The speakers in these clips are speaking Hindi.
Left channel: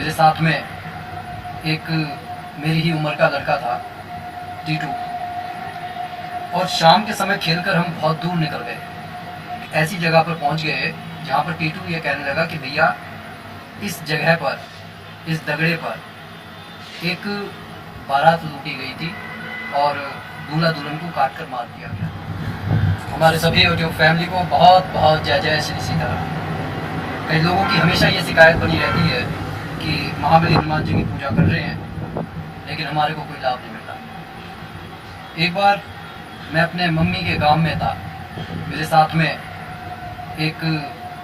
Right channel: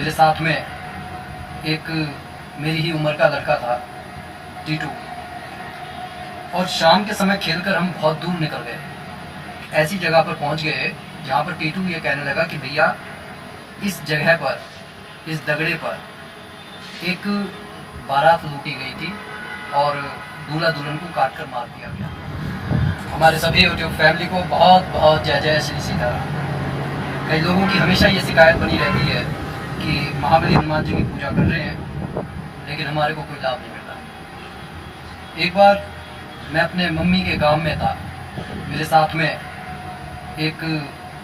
मेरे साथ में एक मेरी ही उम्र का लड़का था, टीटू। और शाम के समय खेलकर हम बहुत दूर निकल गए, ऐसी जगह पर पहुंच गए जहां पर टीटू ये कहने लगा कि भैया इस जगह पर, इस दगड़े पर एक बारात लूटी गई थी और दूल्हा दुल्हन को काट कर मार दिया गया। हमारे सभी यूट्यूब फैमिली को बहुत बहुत जय जय श्री सीताराम। कई लोगों की हमेशा ये शिकायत बनी रहती है कि महाबली हनुमान जी की पूजा कर रहे हैं लेकिन हमारे को कोई लाभ नहीं मिल रहा। एक बार मैं अपने मम्मी के गांव में था, मेरे साथ में एक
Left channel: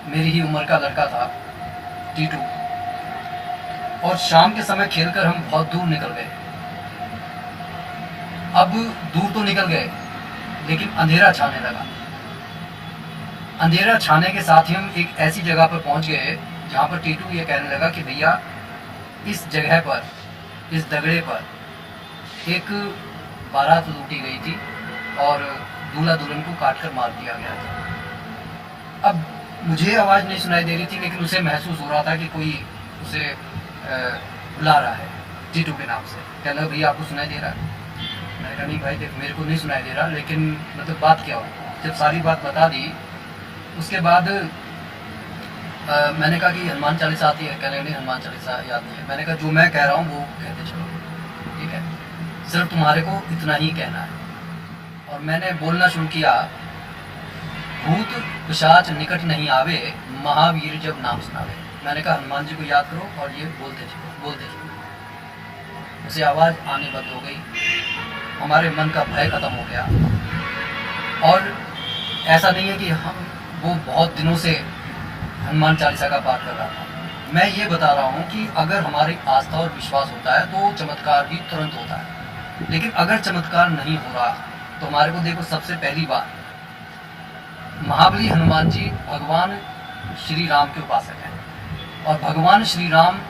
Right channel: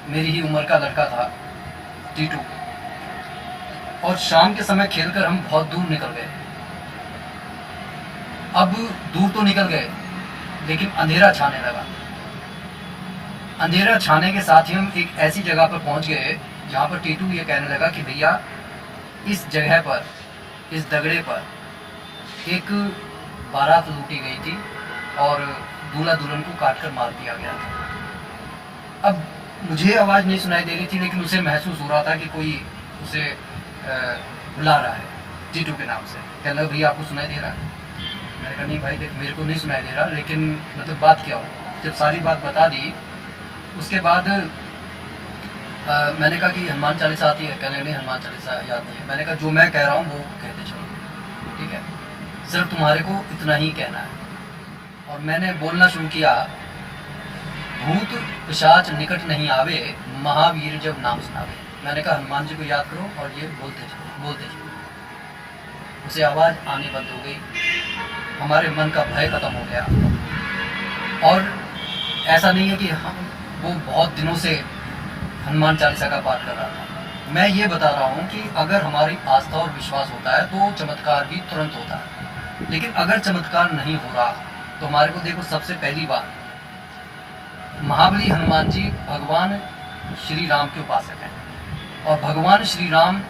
मेरी ही उम्र का लड़का था, टीटू। और शाम के समय खेलकर हम बहुत दूर निकल गए। अब दूर तो निकल गए लेकिन अंधेरा छाने लगा। अंधेरा छाने के साथ ही हम एक ऐसी जगह पर पहुंच गए जहां पर टीटू ये कहने लगा कि भैया इस जगह पर, इस दगड़े पर एक बारात लूटी गई थी और दूल्हा दुल्हन को काट कर मार दिया गया था। अब मुझे आवाज़ नहीं सुनाई दे रही थी लेकिन उसे महसूस हो रहा था कि कोई उसे बुला रहा है टीटू के नाम से। कहने लगा भैया आपको सुनाई दे रहा है? मैंने कहा नहीं भाई देख, मेरे को नहीं सुनाई दे रहा, लेकिन मतलब बात क्या हो। जब सारी बात बता दी उसके बाद मैंने कहा कि हनुमान चालीसा आती है? कहने नहीं हनुमान चालीसा याद नहीं है। मैंने कहा जो मैं कह रहा हूँ वो कहते चलो, ठीक है, सिर्फ तुम्हारे को इतना ही कहना है। और मैंने बोलना शुरू किया, भूत पिशाच निकट नहीं आवे, महावीर जब नाम सुनावे। मैंने कहा हनुमान जी को याद करो और ये बोलते चलो, बोलते चलो। उसे आवाज़ आनी बंद हो गई, हमारे मन का भय खत्म हो गया। और ऐसा नहीं है कि वो बहुत दिनों से हनुमान चालीसा का पाठ कर रहा था। मैं ये बता रहा हूँ कि अगर हमारी आस्था और विश्वास होता है तो चमत्कार भी तुरंत होता है। लेकिन अगर चमत्कार नहीं हो रहा तो हमारे को देखो, सबसे पहली बार महाबली हनुमान जी भगवान श्री राम के उपासक हैं और भगवान श्री राम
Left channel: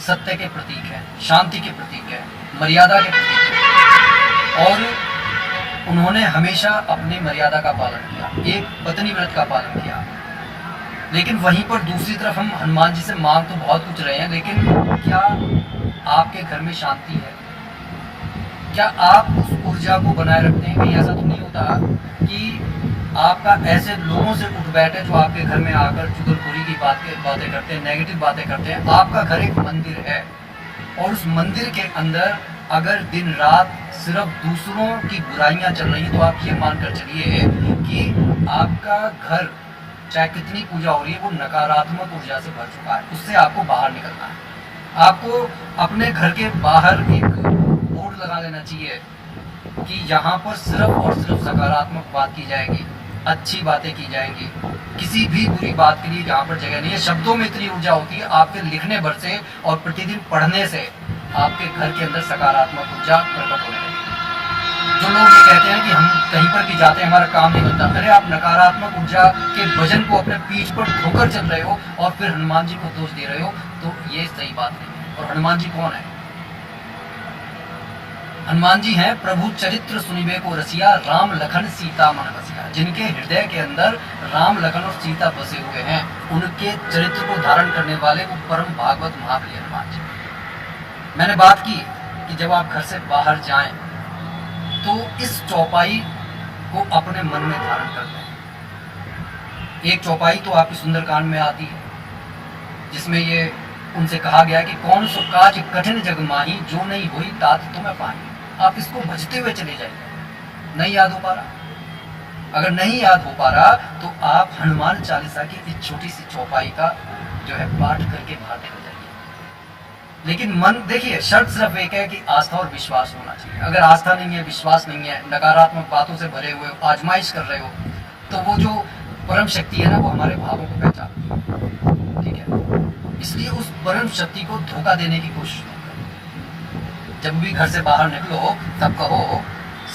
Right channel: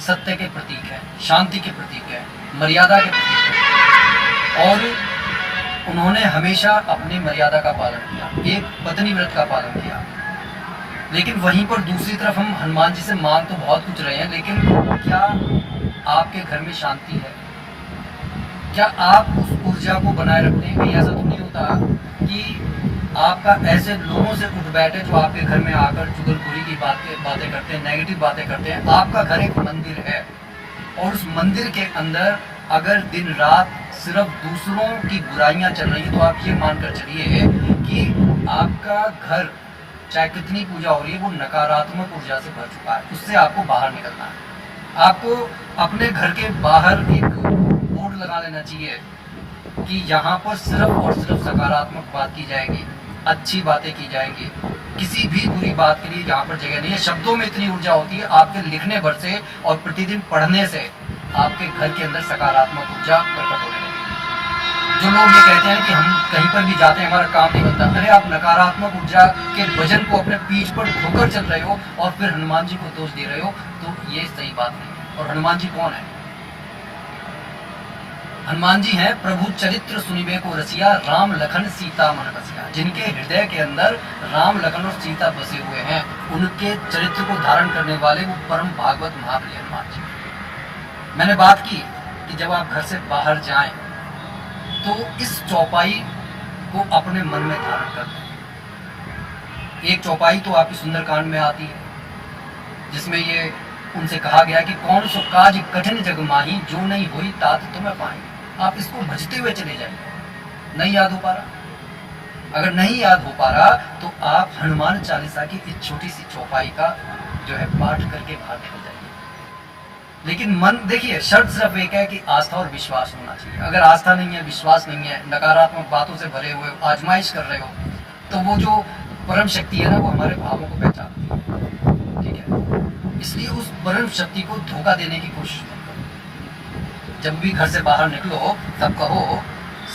सत्य के प्रतीक हैं, शांति के प्रतीक हैं, मर्यादा के प्रतीक हैं। और उन्होंने हमेशा अपनी मर्यादा का पालन किया, एक पत्नी व्रत का पालन किया। लेकिन वहीं पर दूसरी तरफ हम हनुमान जी से मांग तो बहुत कुछ रहे हैं, लेकिन क्या आपके घर में शांति है? क्या आप उस ऊर्जा को बनाए रखते हैं? कहीं ऐसा तो नहीं होता कि आपका ऐसे लोगों से उठ बैठे जो आपके घर में आकर चुगलखोरी की बातें करते हैं, नेगेटिव बातें करते हैं। आपका घर एक मंदिर है और उस मंदिर के अंदर अगर दिन रात सिर्फ दूसरों की बुराइयां चल रही हैं तो आप ये मानकर चलिए कि आपका घर चाहे कितनी पूजा हो रही है वो नकारात्मक ऊर्जा से भर चुका है। उससे आपको बाहर निकलना है। आपको अपने घर के बाहर एक बोर्ड लगा लेना चाहिए कि यहाँ पर सिर्फ और सिर्फ सकारात्मक बात की जाएगी, अच्छी बातें की जाएगी, किसी भी बुरी बात के लिए जहाँ पर जगह नहीं है। शब्दों में इतनी ऊर्जा होती है, आपके लिखने भर से और प्रतिदिन पढ़ने से आपके घर के अंदर सकारात्मक ऊर्जा प्रकट होने लगेगी। जो लोग ये कहते हैं कि हम कहीं पर भी जाते हैं हमारा काम नहीं बनता, अरे आप नकारात्मक ऊर्जा के वजन को अपने पीठ पर ढोकर चल रहे हो और फिर हनुमान जी को दोष दे रहे हो, तो ये सही बात नहीं है। और हनुमान जी कौन है? हनुमान जी हैं प्रभु चरित्र सुनिबे को रसिया, राम लखन सीता मन बसिया। जिनके हृदय के अंदर राम लखन और सीता बसे हुए हैं, उनके चरित्र को धारण करने वाले वो परम भागवत महाबली हनुमान जी। मैंने बात की कि जब आप घर से बाहर जाएं तो इस चौपाई को अपने मन में धारण कर लें। एक चौपाई तो आपकी सुंदरकांड में आती है जिसमें ये उनसे कहा गया कि कौन सो काज कठिन जग माही, जो नहीं हुई तात तुम्हें पाई। आप इसको भजते हुए चले जाइए। नहीं याद हो पा रहा? अगर नहीं याद हो पा रहा तो आप हनुमान चालीसा की इस छोटी सी चौपाई का जो है पाठ करके बाहर निकल जाइए। लेकिन मन, देखिए, शर्त सिर्फ एक है कि आस्था और विश्वास होना चाहिए। अगर आस्था नहीं है, विश्वास नहीं है, नकारात्मक बातों से भरे हुए आजमाइश कर रहे हो, तो वो जो परम शक्ति है ना, वो हमारे भावों को पहचानती है, ठीक है। इसलिए उस परम शक्ति को धोखा देने की कोशिश नहीं करो। जब भी घर से बाहर निकलो तब कहो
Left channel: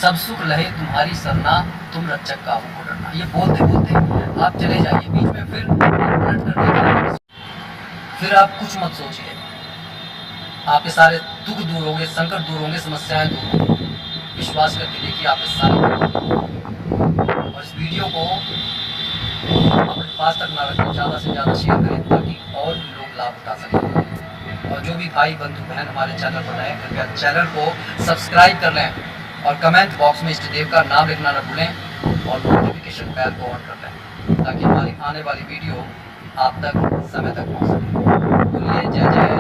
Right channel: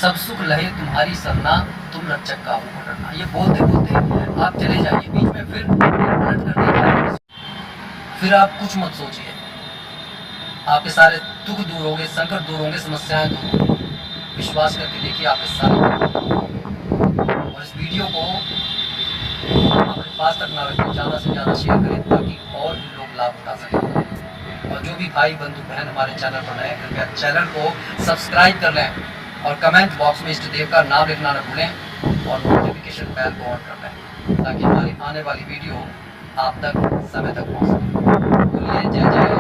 सब सुख लहे तुम्हारी सरना, तुम रक्षक का हो डरना। ये बोलते बोलते आप चले जाइए, बीच में फिर पलट कर देखिए, फिर आप कुछ मत सोचिए, आपके सारे दुख दूर होंगे, संकट दूर होंगे, समस्याएं दूर होंगी। विश्वास करके देखिए, आप इस सारे। और इस वीडियो को अपने पास तक ना रखें, ज़्यादा से ज़्यादा शेयर करें ताकि और भी लोग लाभ उठा सकें। और जो भी भाई बंधु बहन हमारे चैनल पर नए हैं, कृपया चैनल को सब्सक्राइब कर लें और कमेंट बॉक्स में इष्ट देव का नाम लिखना न भूलें और नोटिफिकेशन बेल को ऑन कर लें ताकि हमारी आने वाली वीडियो आप तक समय तक पहुँच सके। बोलिए जय जय